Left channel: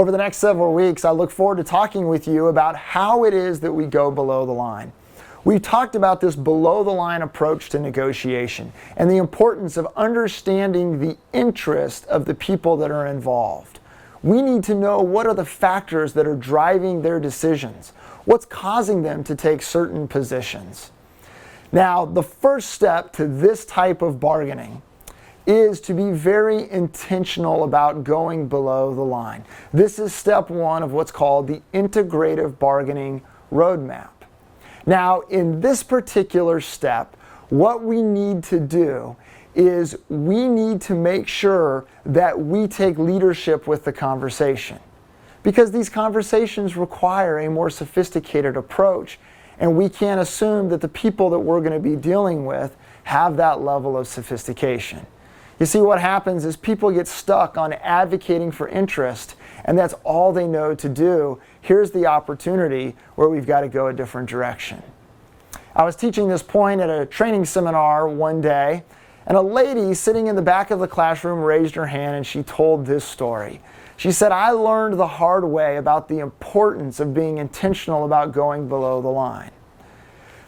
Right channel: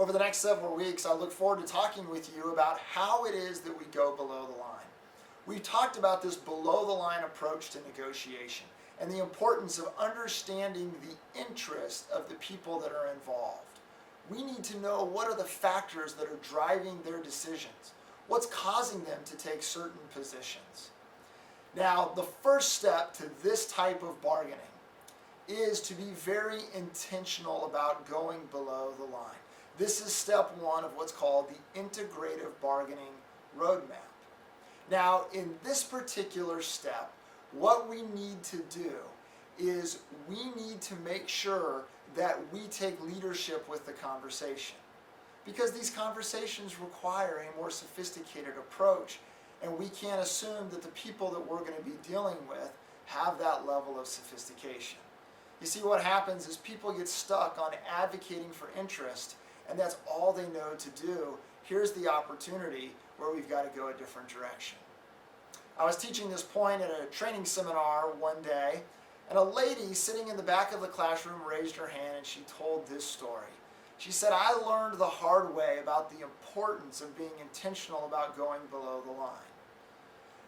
Over the next several weeks, I look forward to talking with you about how it is that we go below the line. We've talked about this below the line approach to negotiation and the importance of understanding the interest of the people that are involved. We need to know what are the factors that are driving their decisions, what's causing them to take certain positions. Now, the first step to this type of bargaining is to be very intentional about going below the line. This is step one of what's called the integrative bargaining roadmap. Now, in this particular step, what we need to do is we need to make sure that we take leadership with the conversation, because these conversations require a more sophisticated approach, and we can't assume that the people that we're going to be dealing with have that level of sophistication. You see, what happens is people get stuck on advocating for interest, and that's all they know to do. Here's the opportunity where we've got to go a different direction. I was teaching this point at a training seminar one day, and a lady sitting in the back of the classroom raised her hand and she told this story. She said, "I learned the hard way about the importance of being intentional about going below the line."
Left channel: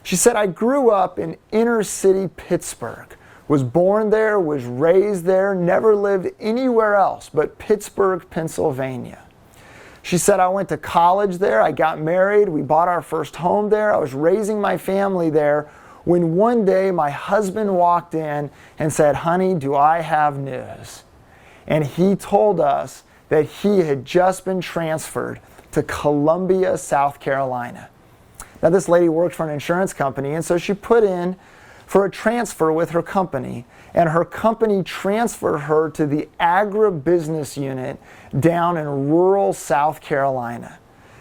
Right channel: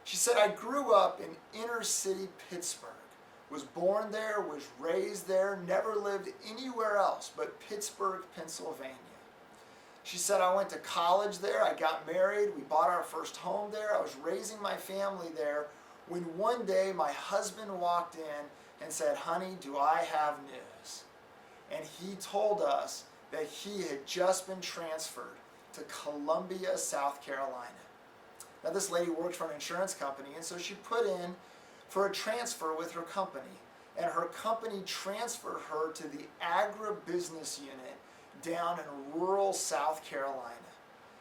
She said, "I grew up in inner city Pittsburgh, was born there, was raised there, never lived anywhere else but Pittsburgh, Pennsylvania." She said, "I went to college there, I got married, we bought our first home there, I was raising my family there, when one day my husband walked in and said, 'Honey, do I have news?' And he told us that he had just been transferred to Columbia, South Carolina." Now, this lady worked for an insurance company, and so she put in for a transfer with her company, and her company transferred her to the agribusiness unit down in rural South Carolina.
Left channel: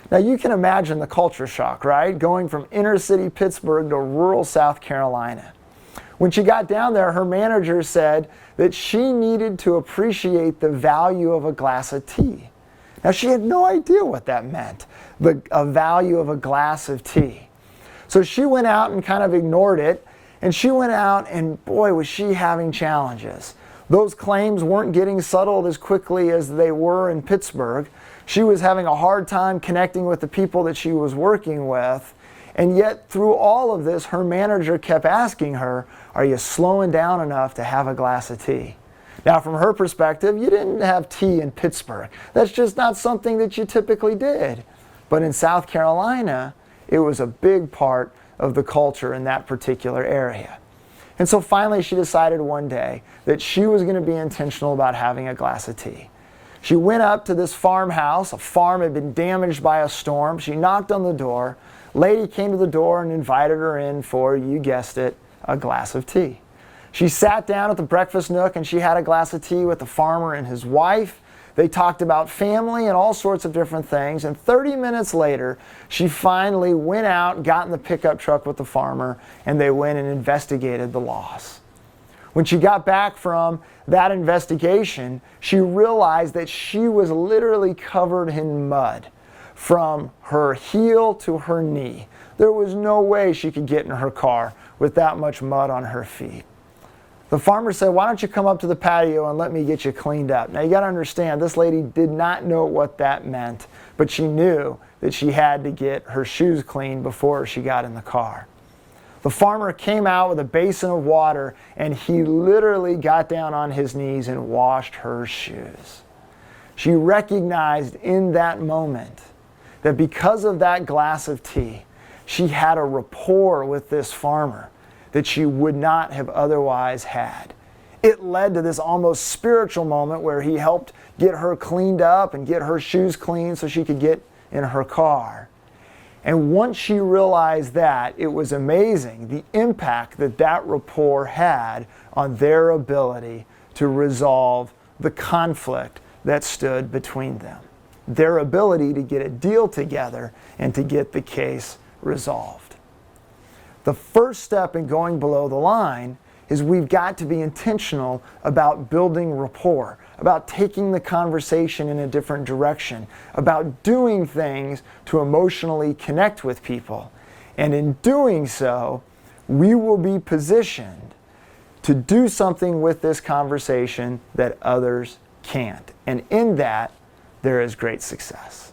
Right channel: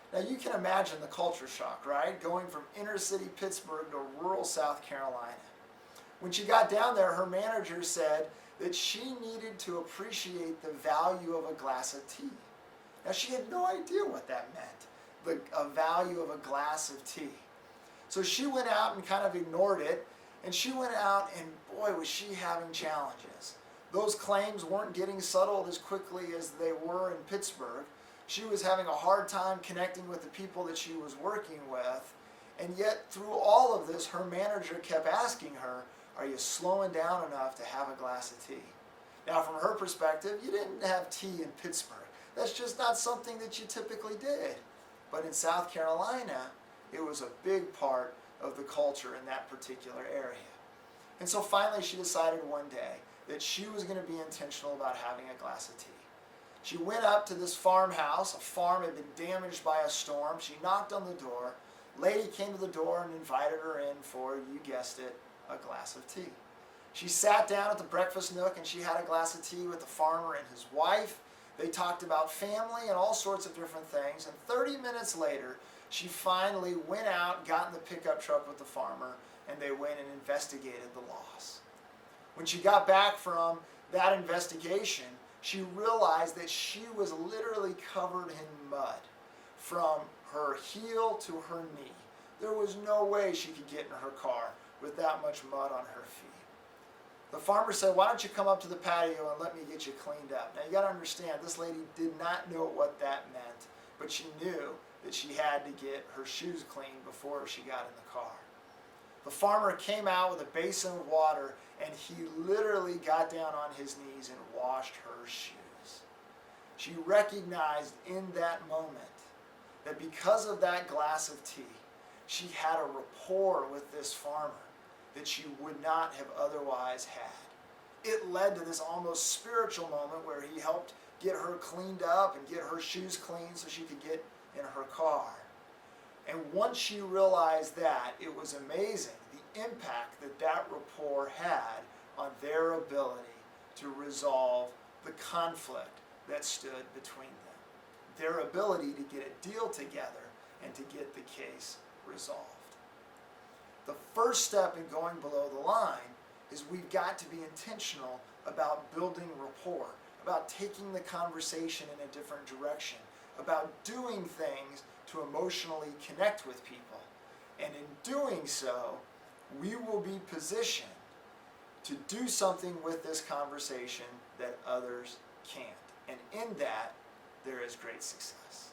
Now, you can imagine the culture shock, right? Going from inner city Pittsburgh to rural South Carolina. When she got down there, her manager said that she needed to appreciate the value of a glass of tea. Now, she had no idea what that meant, a value of a glass of tea. So she went out and kind of ignored it, and she went out and boy, was she having challenges. Those claims weren't getting settled as quickly as they were in Pittsburgh. She was having a hard time connecting with the people that she was working with. And yet through all of this, her manager kept asking her, "Are you slowing down enough to have a glass of tea?" Now, from her perspective, you didn't have tea in Pittsburgh. That's just not something that you typically did. But in South Carolina, it was a big part of the culture in that particular area. And so finally she decided one day that she was going to be intentional about having a glass of tea. She went up to this farmhouse. A farm had been damaged by a storm. She knocked on the door. Lady came to the door and invited her in for, you guessed it, a glass of tea. She sat down at the breakfast nook and she had a glass of tea with the farmer and his wife. They talked about family and all sorts of different things. And 30 minutes later, she finally went out, got in the pickup truck with the farmer, and they went and investigated the loss. When she got back from that investigation, she realized that she was literally covered in mud from her heel to her knee. There was no way she could get in her car with that much mud on her feet. The farmer said, "Why don't you come up to the patio and let me get you cleaned up?" Now, you got to understand, this lady did not know what that meant, but she knew that she had to get her shoes cleaned before she got in the car. The farmer came out with a basin of water, and he literally got down on his knees and washed her shoes. She recognized in that moment that because of that glass of tea, she had a rapport with this farmer that she would not have otherwise had. It led to this almost spiritual moment where he helped get her cleaned up and get her shoes clean so she could get in her car. And once she realized that, it was amazing the impact that that rapport had on their ability to resolve the conflict that stood between them. Their ability to get a deal together and to get the case resolved. The first step in going below the line is we've got to be intentional about building rapport, about taking the conversation in a different direction, about doing things to emotionally connect with people. And in doing so, we will be positioned to do something with this conversation that others can't. And in that, there is great success.